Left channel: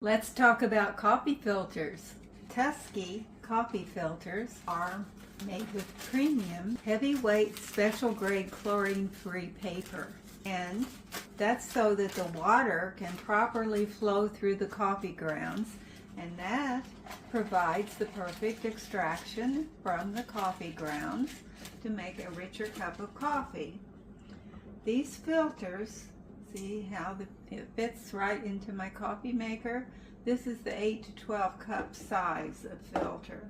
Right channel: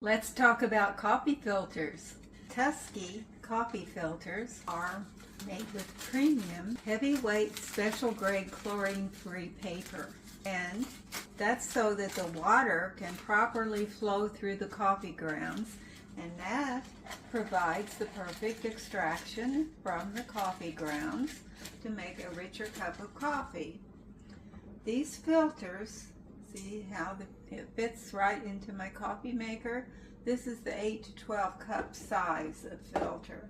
Let's talk about coffee filters. Tupkee coffee filters are made with premium, heavyweight, special grade chlorine-free paper. And that's so that the water can properly flow through the coffee grounds, and that provides the perfect extraction from the coffee grounds to make a richer cup of coffee. These filters, see how it fits right into my coffee maker? This is the 8 to 12 cup size of filter.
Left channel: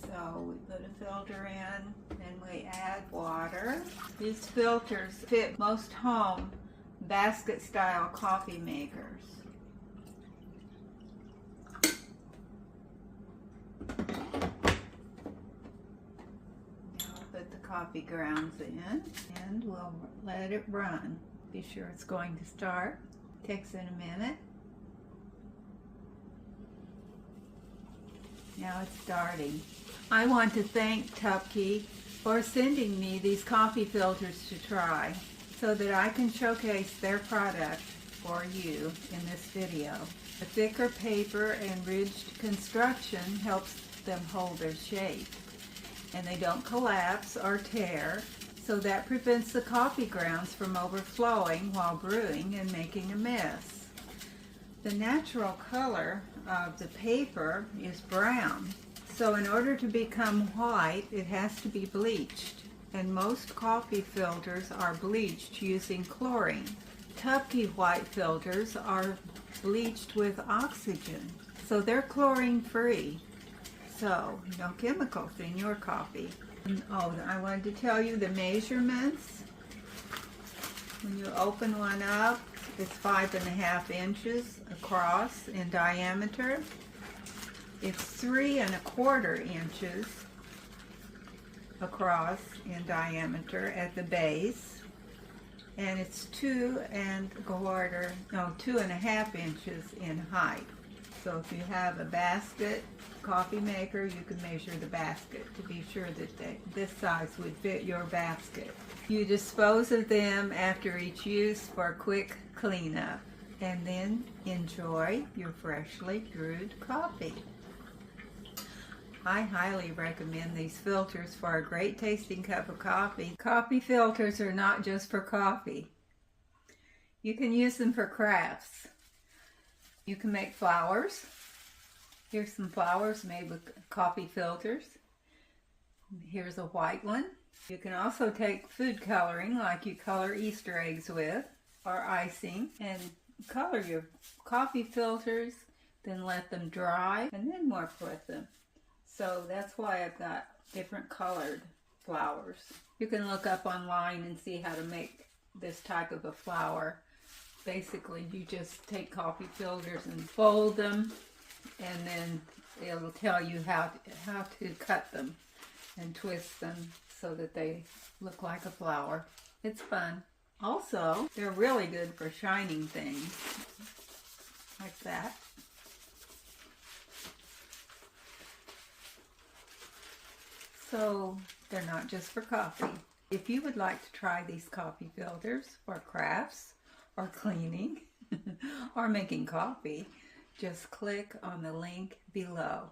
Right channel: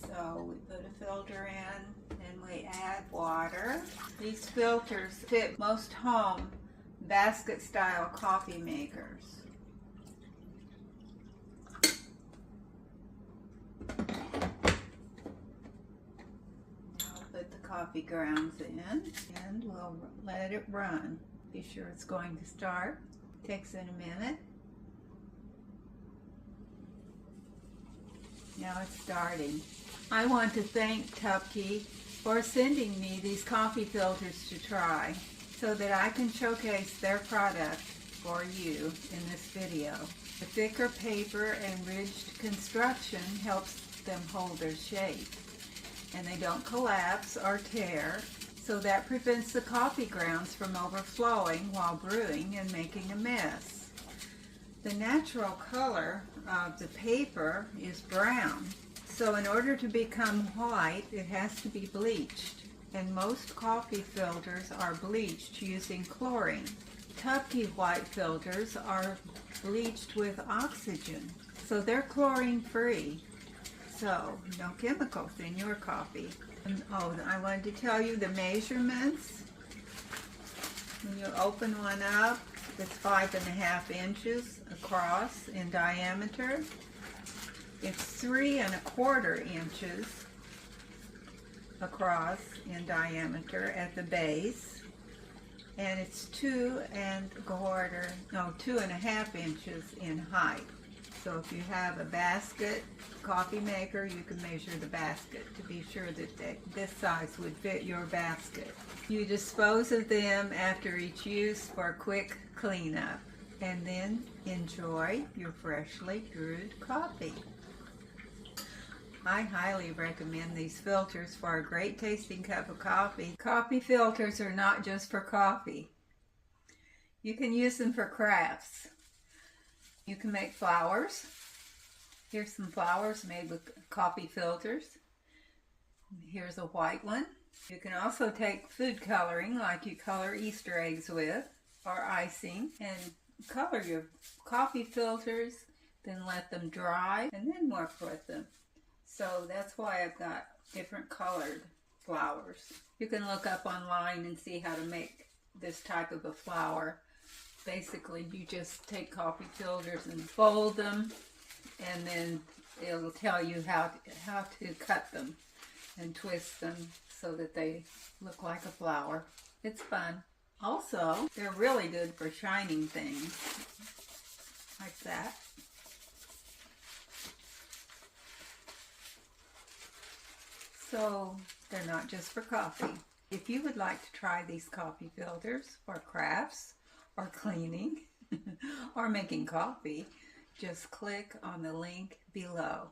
So we put a filter in and we add water. These filters fit most home basket style coffee makers. Now put the coffee grounds in and we'll let it run. Be sure it's going to start. Takes in a minute. Now it's starting. I want to thank Tupkee for sending me these coffee filters to try so that I can showcase their product for you in this video. A thicker paper and ridged construction helps them hold their shape, and they don't collapse or tear, so that prevents the coffee grounds from overflowing while brewing and making a mess. The natural color of the paper is brown, so in order to become white, it has to be bleached, and most coffee filters are bleached using chlorine. Tupkee white filters are bleached with oxygen, so they're chlorine-free, so no chemicals in your coffee. And, I wanted to tell you the measurements. When you open one up, it's 5.5 inches across in diameter. It's 3¼ inches across in diameter at the base, and it's 2½ inches in height. So if you have a basket coffee maker, you can measure the basket to be sure that this size would fit your basket. You dispose of them after each use for a quick cleanup, and then enjoy your freshly brewed coffee. I highly recommend these filters for a great tasting cup of coffee. Coffee filters are not just for coffee. You can use them for crafts. You can make flowers. Here's some flowers made with coffee filters. Here's a white one. You can also take food coloring, like you color Easter eggs with, or icing, and color your coffee filters, then let them dry, and then work with them. So that's why I've got different colored flowers. You can look up online and see how to make this type of a flower. Basically, you just take coffee filters and fold them, and then it'll tell you how to cut them and twist them so that they look like a flower. It's fun. Also, they're really good for shining things, like that. So, they're not just for coffee. If you would like to try these coffee filters for crafts, or cleaning, or making coffee, just click on the link below.